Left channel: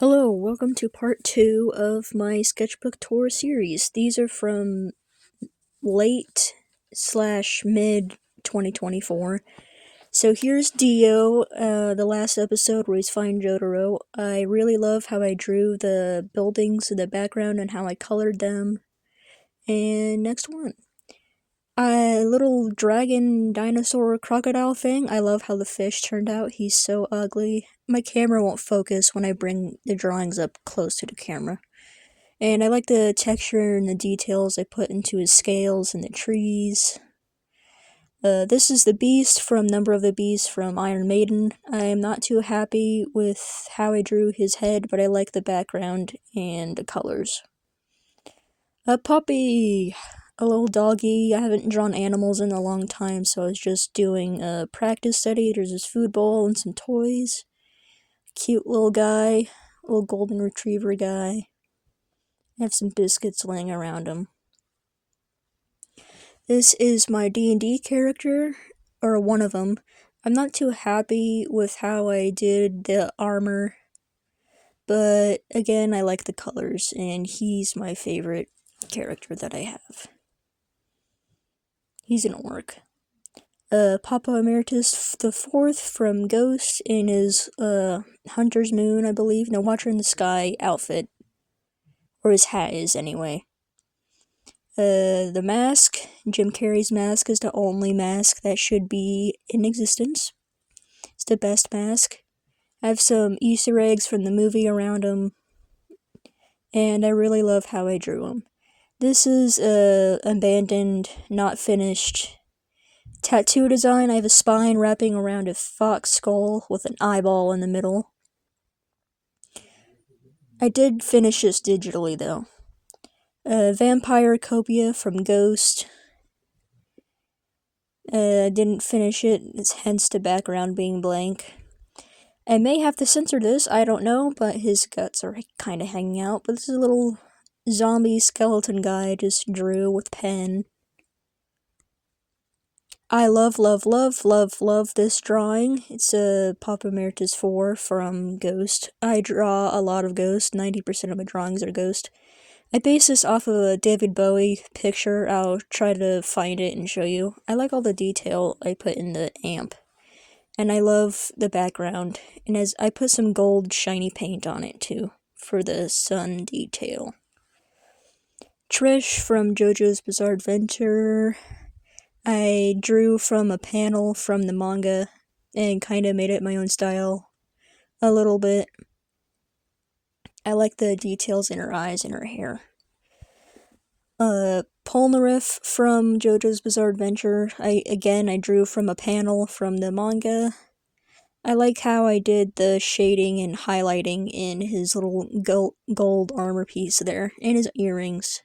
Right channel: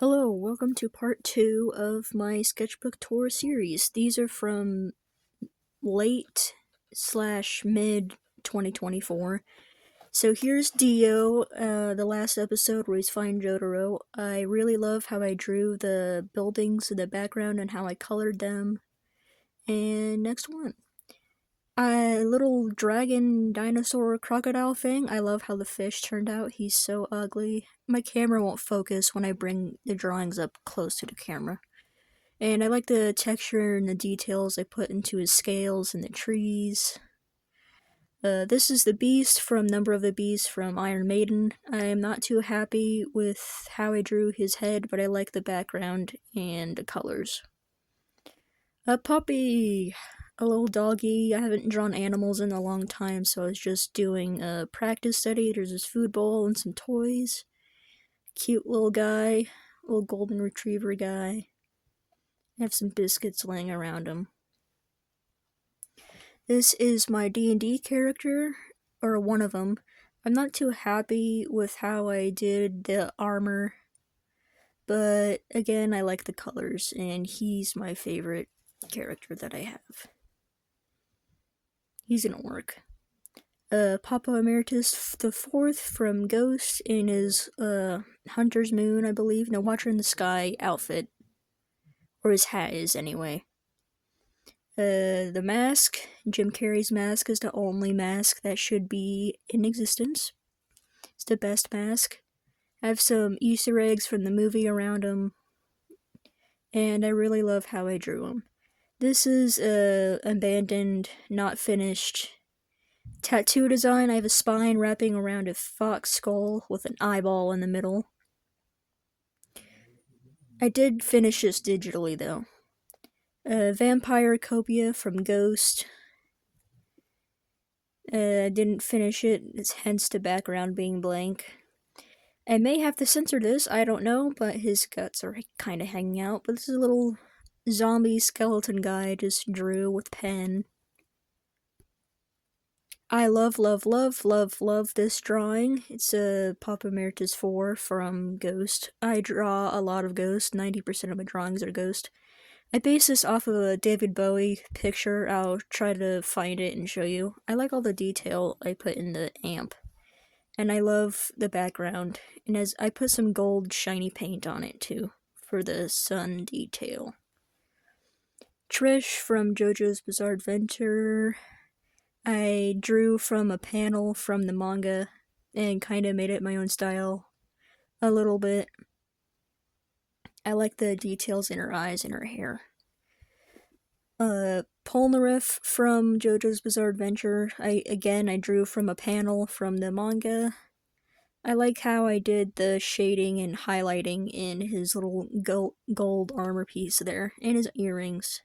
Hello, welcome to part 2 of my sketchbook tour series. These are from late/mid 2024. So here's Dio, the last episode where he's finding Jotaro. I really love how I drew the buildings in the background and how I colored them. And next one. Little dragon dinosaur crocodile thing. I love how the fish turned out. He's so ugly. My camera won't focus when I bring the drawings up close to the camera. And I like the texture and the details I put into his scales and the trees. This is the Beast from Number of the Beast from Iron Maiden. I am not too happy with how I drew his head, but I like the background and the colors. A puppy! A little doggy. I haven't drawn animals in a long time, so I was just doing a practice study. There's this food bowl and some toys. Cute little guy. Little golden retriever guy. I have some biscuits laying around him. This is my D&D character, or one of them. I'm not too happy with how I did the armor, but again, I like the colors, and he's my favorite character that I have. He's an orc. Papa Emeritus the Fourth from Ghost in his Hunter's Moon, I believe. No, Watcher in the Sky outfit. Or his hat is, anyway. The mask, Jim Carrey's mask, is the only mask that should be in existence. It's the best mask. I have some Easter eggs from the movie around him, and I really love how I drew him. This is a abandoned, not finished tattoo design. I have a spine wrapping around a fox skull with an eyeball in the middle. I did finish this digitally, though. Vampire Copia from Ghost. Didn't finish it, hence the background being blank. I may have to censor this, I don't know, but his guts are kind of hanging out. But this is a little zombie skeleton guy I just drew with pen. I love this drawing. It's a Papa Emeritus 4 from Ghost. I draw a lot of Ghost, 90% of my drawings are Ghost. I based this off of a David Bowie picture. I'll try to find it and show you. I like all the detail I put in the amp. And I love the background. And as I put some gold shiny paint on it too, for the sun detail. Trish from JoJo's Bizarre Adventure. I drew from a panel from the manga and kind of made it my own style a little bit. I like the details in her eyes and her hair. Polnareff from JoJo's Bizarre Adventure. I drew from a panel from the manga. I like how I did the shading and highlighting in his little gold armor piece there, and his earrings.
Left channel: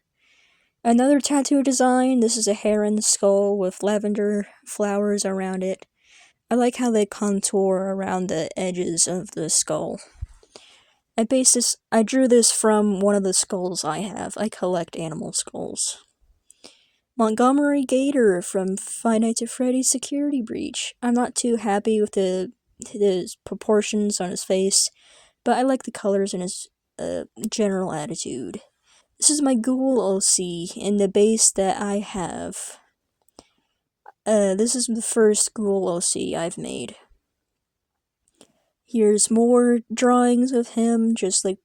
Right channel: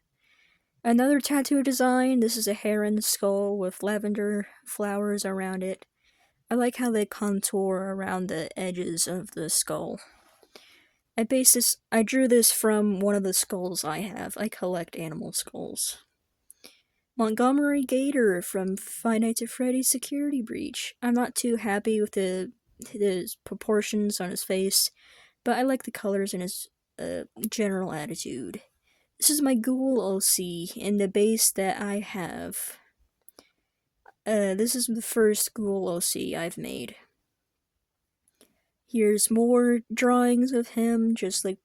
Another tattoo design. This is a heron skull with lavender flowers around it. I like how they contour around the edges of the skull. I drew this from one of the skulls I have. I collect animal skulls. Montgomery Gator from Five Nights at Freddy's Security Breach. I'm not too happy with his proportions on his face, but I like the colors and his general attitude. This is my Ghoul OC in the base that I have. This is the first Ghoul OC I've made. Here's more drawings of him, just like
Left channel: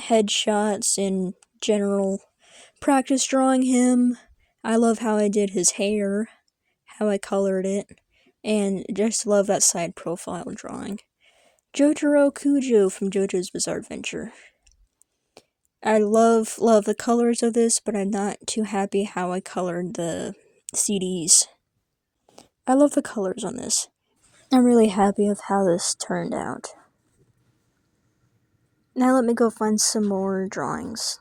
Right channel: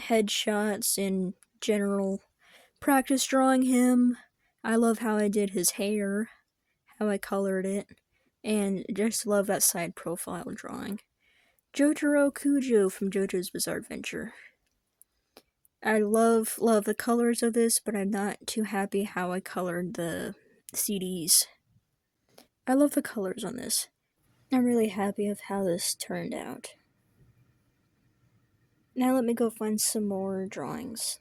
headshots and general practice drawing him. I love how I did his hair, how I colored it, and just love that side profile drawing. Jotaro Kujo from JoJo's Bizarre Adventure. I love the colors of this, but I'm not too happy how I colored the CDs. I love the colors on this. I'm really happy with how this turned out. Now let me go find some more drawings.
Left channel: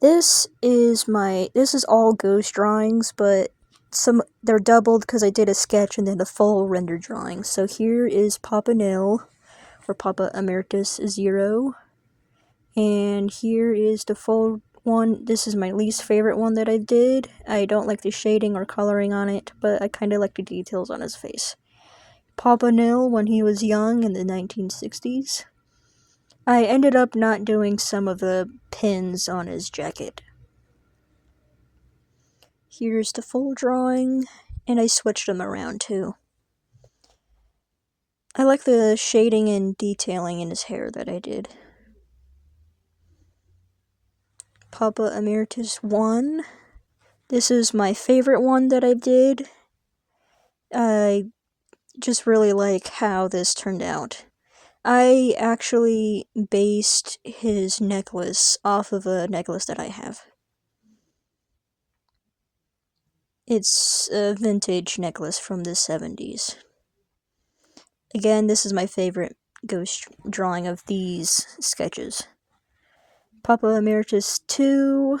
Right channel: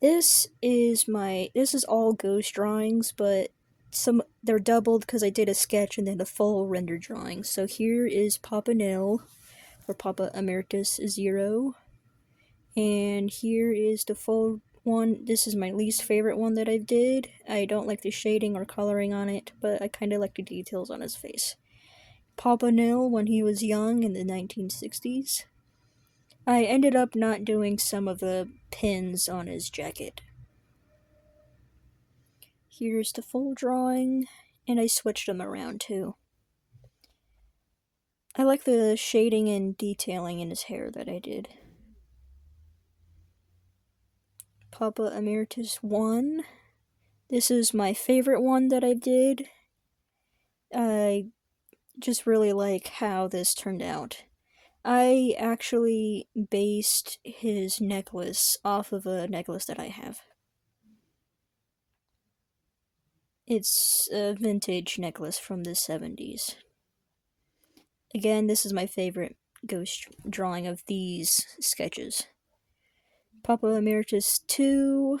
This is all Ghost drawings, but they're doubled because I did a sketch and then a full render drawing. So here is Papa Nil, or Papa Emeritus 0. And here is the full one. This is my least favorite one that I did. I don't like the shading or coloring on it, but I kind of like the details on his face. Papa Nil when he was young in the 1960s. I ended up not doing some of the pins on his jacket. Here's the full drawing, and I switched them around too. I like the shading and detailing in his hair that I did. Papa Emeritus 1. This is my favorite one that I did. I just really like how this turned out. I actually based his necklace off of a necklace that I have. It's a vintage necklace from the 70s. Again, this is my favorite ghost drawing of these sketches. Papa Emeritus 2.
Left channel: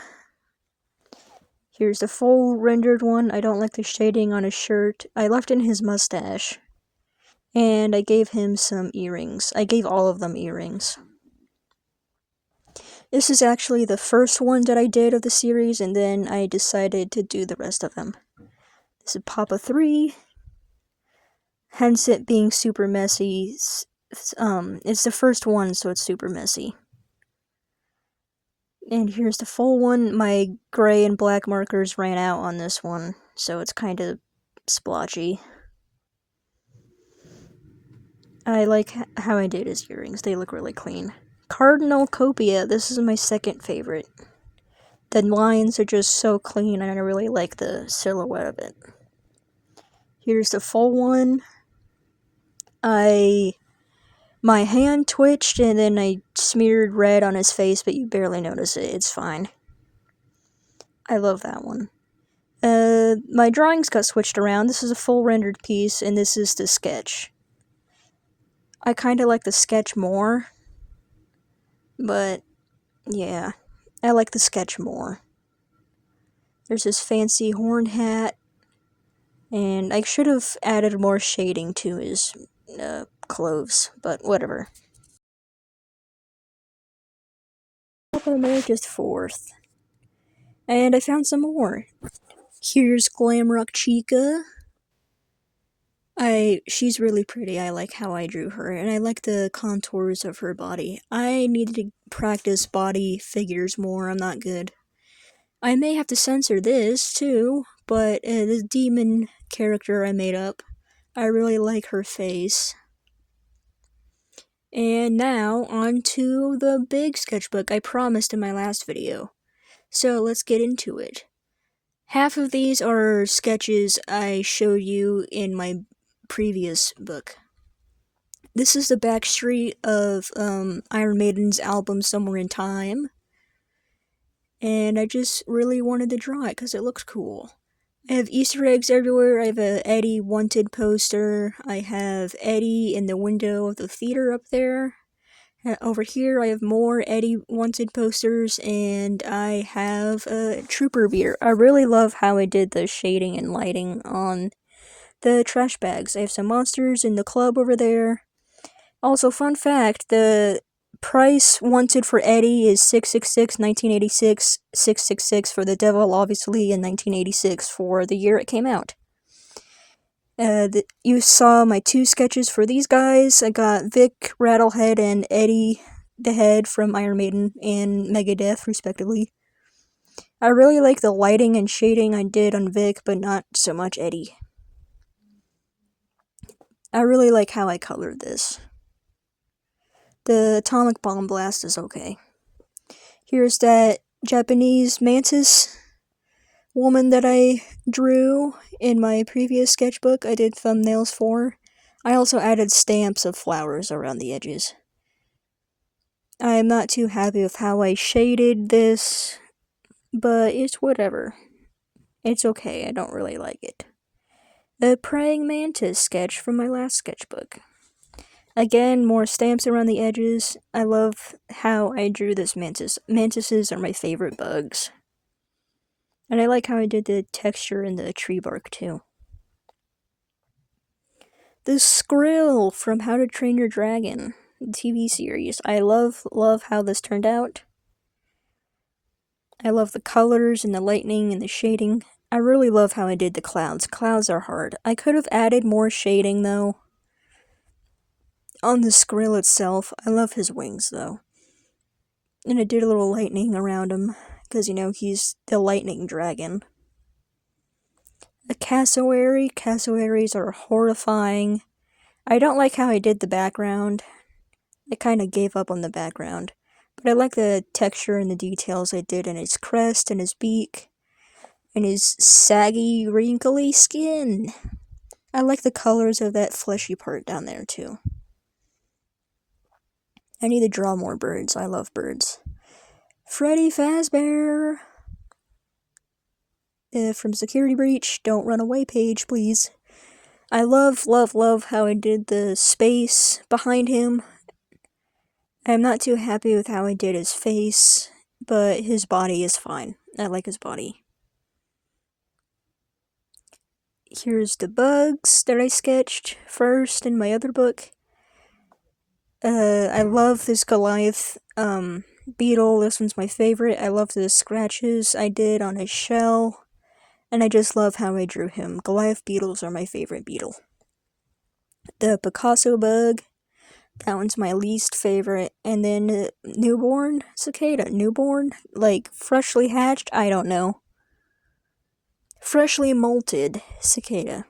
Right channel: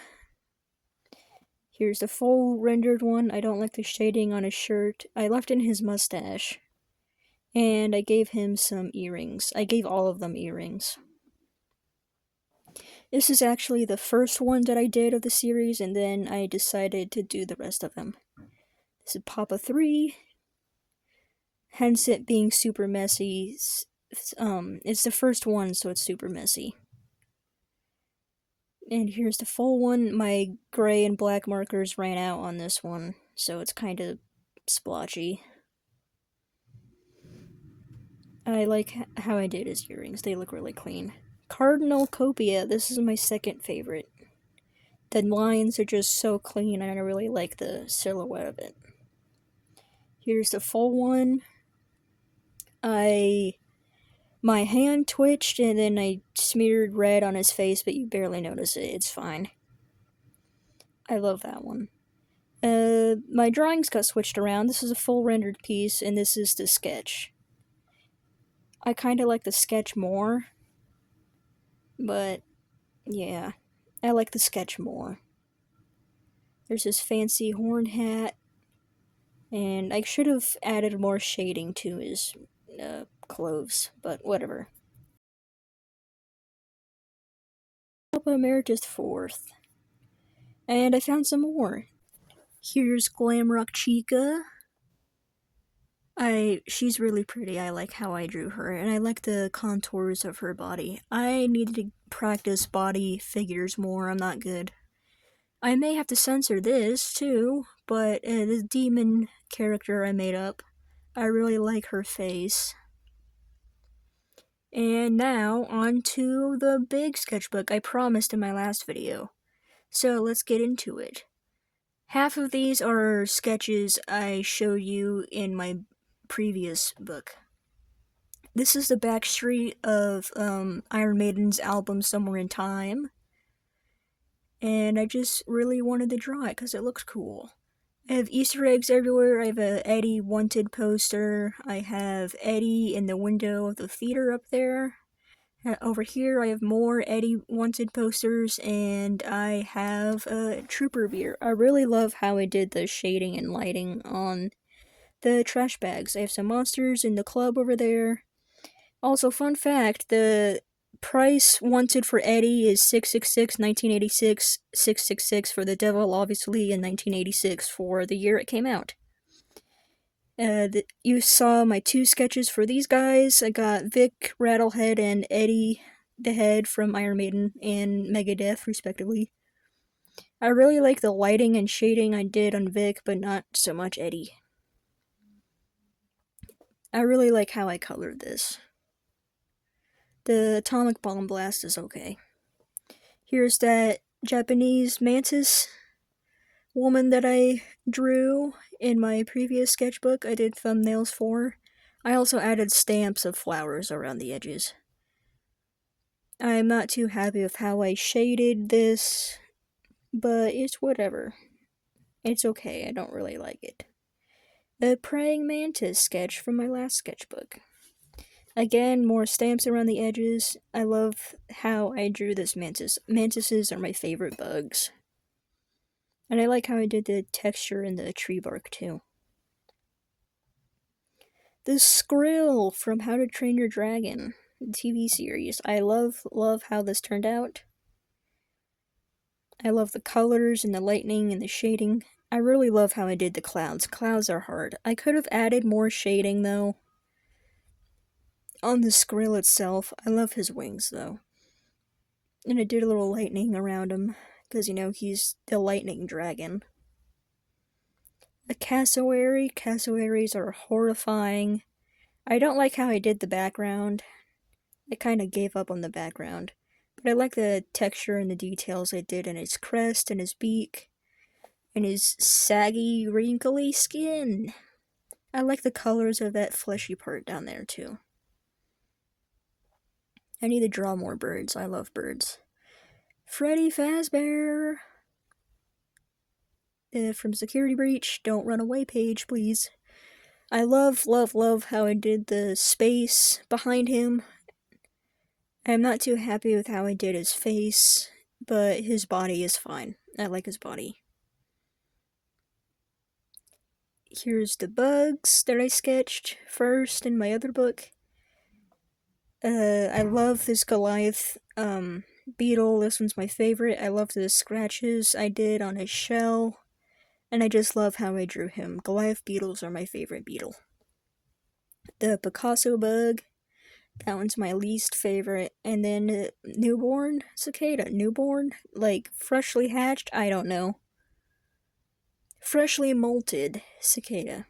Here's the full rendered one. I don't like the shading on his shirt. I left in his mustache. And I gave him some earrings. I gave all of them earrings. This is actually the first one that I did of the series, and then I decided to do the rest of them. This is Papa 3. Hence it being super messy. It's the first one, so it's super messy. And here's the full one. My gray and black markers ran out on this one, so it's kind of splotchy. I like how I did his earrings. They look really clean. Cardinal Copia. This is my second favorite. The lines are just so clean, and I really like the silhouette of it. Here's the full one. My hand twitched, and then I smeared red on his face, but you barely notice it. It's fine. I love that one. My drawings got switched around. This is a full rendered piece, and this is the sketch. I kind of like the sketch more, but yeah, I like the sketch more. There's this fancy horn hat, and I should have added more shading to his clothes, but whatever. Papa Emeritus 4th. And I found some more. Here's Glamrock Chica. She's really pretty. I like how I drew her, and I like the contours of her body. I needed to practice body figures more. I'm not good. I may have to censor this too, but this demon character I made up, I really like her face. And now, on to the big sketchbook I promised in my last video. So let's get into it. Half of these are sketches I showed you in my previous book. This is the backstreet of Iron Maiden's album Somewhere in Time. And I just really wanted to draw it because it looks cool. I have Easter eggs everywhere. I have a Eddie Wanted poster. I have Eddie in the window of the theater up there. Over here I have more Eddie Wanted posters, and I have a Trooper beer. I really love how I did the shading and lighting on the trash bags. I have some monsters in the club over there. Also, fun fact, the price wanted for Eddie is $666, 1986, $666 for the Devil, obviously, in 1986 for the year it came out. You saw my two sketches for these guys. I got Vic Rattlehead and Eddie the Head from Iron Maiden and Megadeth, respectively. I really like the lighting and shading I did on Vic, but not so much Eddie. I really like how I colored this. The atomic bomb blast is okay. Here's that Japanese mantis woman that I drew in my previous sketchbook I did thumbnails for. I also added stamps of flowers around the edges. I'm not too happy with how I shaded this, but it's whatever. It's okay, I don't really like it. The praying mantis sketch from my last sketchbook. Again, more stamps around the edges. I love how I drew this mantis. Mantises are my favorite bugs. And I like how I did the texture in the tree bark too. The Skrill from How to Train Your Dragon, the TV series. I love how this turned out. I love the colors and the lightning and the shading. I really love how I did the clouds. Clouds are hard. I could have added more shading though. on the skrill itself. I love his wings, though. And I did a little lightning around him, because, he's the lightning dragon. A cassowary. Cassowaries are horrifying. I don't like how I did the background. I kind of gave up on the background. But I like the texture and the details I did in his crest and his beak. And his saggy, wrinkly skin. I like the colors of that fleshy part down there, too. I need to draw more birds. I love birds. Freddy Fazbear! From Security Breach, don't run away page, please. I love how I did the space behind him. I'm not too happy with how I did his face, but his body is fine. I like his body. Here's the bugs that I sketched first in my other book. I love this Goliath beetle. This one's my favorite. I love the scratches I did on his shell. And I just love how I drew him. Goliath beetles are my favorite beetle. The Picasso bug, that one's my least favorite. And then newborn cicada. Newborn? Like freshly hatched? I don't know. Freshly molted cicada.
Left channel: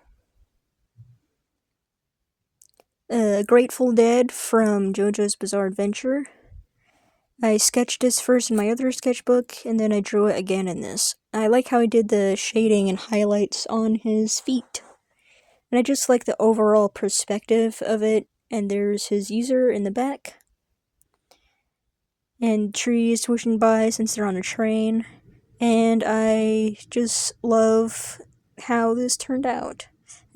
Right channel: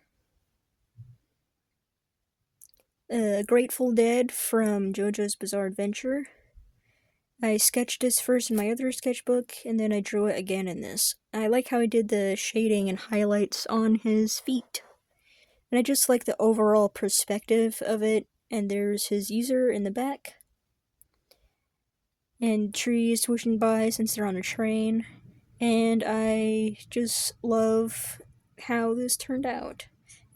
Grateful Dead from JoJo's Bizarre Adventure. I sketched this first in my other sketchbook, and then I drew it again in this. I like how I did the shading and highlights on his feet. And I just like the overall perspective of it, and there's his user in the back. And trees swishing by since they're on a train. And I just love how this turned out.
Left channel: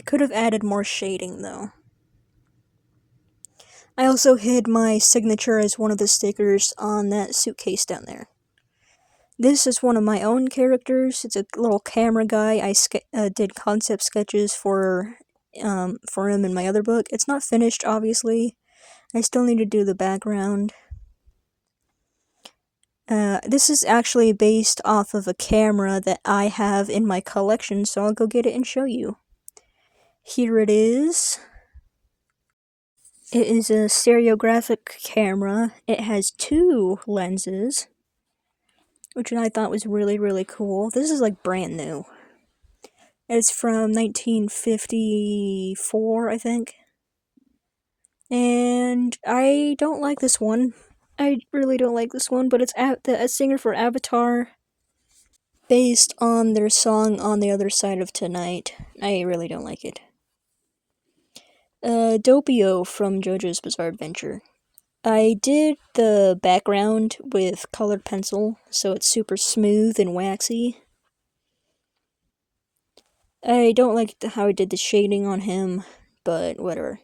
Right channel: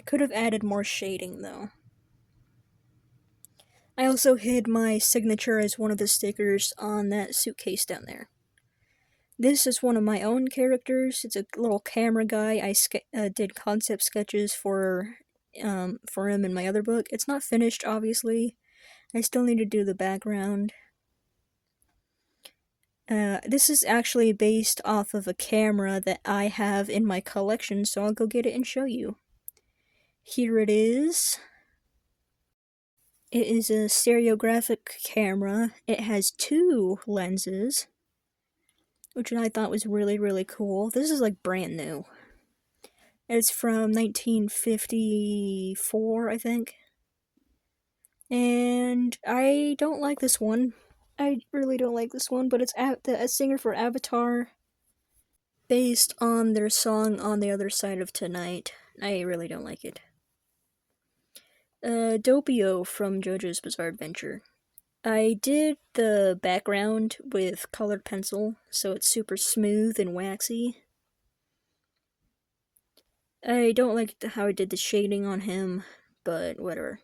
I could have added more shading, though. I also hid my signature as one of the stickers on that suitcase down there. This is one of my own characters. It's a little camera guy. I did concept sketches for him in my other book. It's not finished, obviously. I still need to do the background. This is actually based off of a camera that I have in my collection, so I'll go get it and show you. Here it is. It is a stereographic camera. It has 2 lenses, which I thought was really, really cool. This is like brand new. It's from 1954, I think. And I don't like this one. I really don't like this one, but it's a singer for Avatar, based on their song On the Other Side of Tonight. I really don't like it. Doppio from JoJo's Bizarre Adventure. I did the background with colored pencil, so it's super smooth and waxy. I don't like how I did the shading on him, but whatever.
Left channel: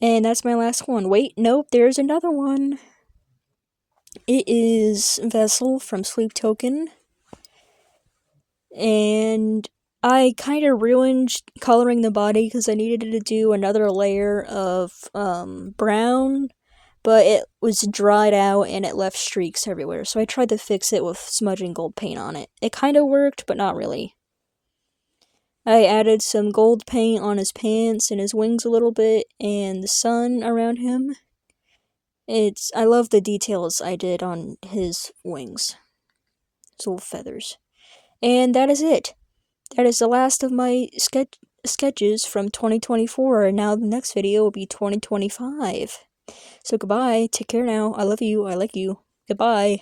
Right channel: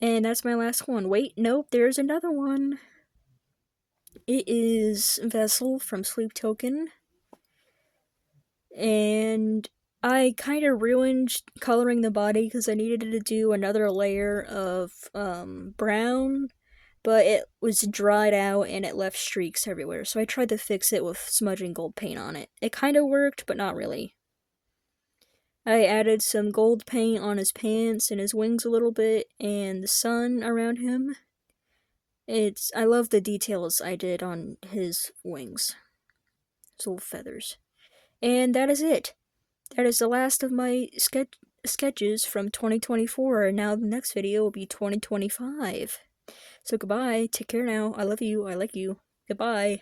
And that's my last one. Wait, nope, there's another one. It is Vessel from Sleep Token. And I kind of ruined coloring the body because I needed to do another layer of brown, but it was dried out and it left streaks everywhere. So I tried to fix it with smudging gold paint on it. It kind of worked, but not really. I added some gold paint on his pants and his wings a little bit, and the sun around him. I love the details I did on his wings. His little feathers. And that is it. That is the last of my sketches from 2024, and now the next video will be 2025. So goodbye, take care now, I love you, I like you, goodbye.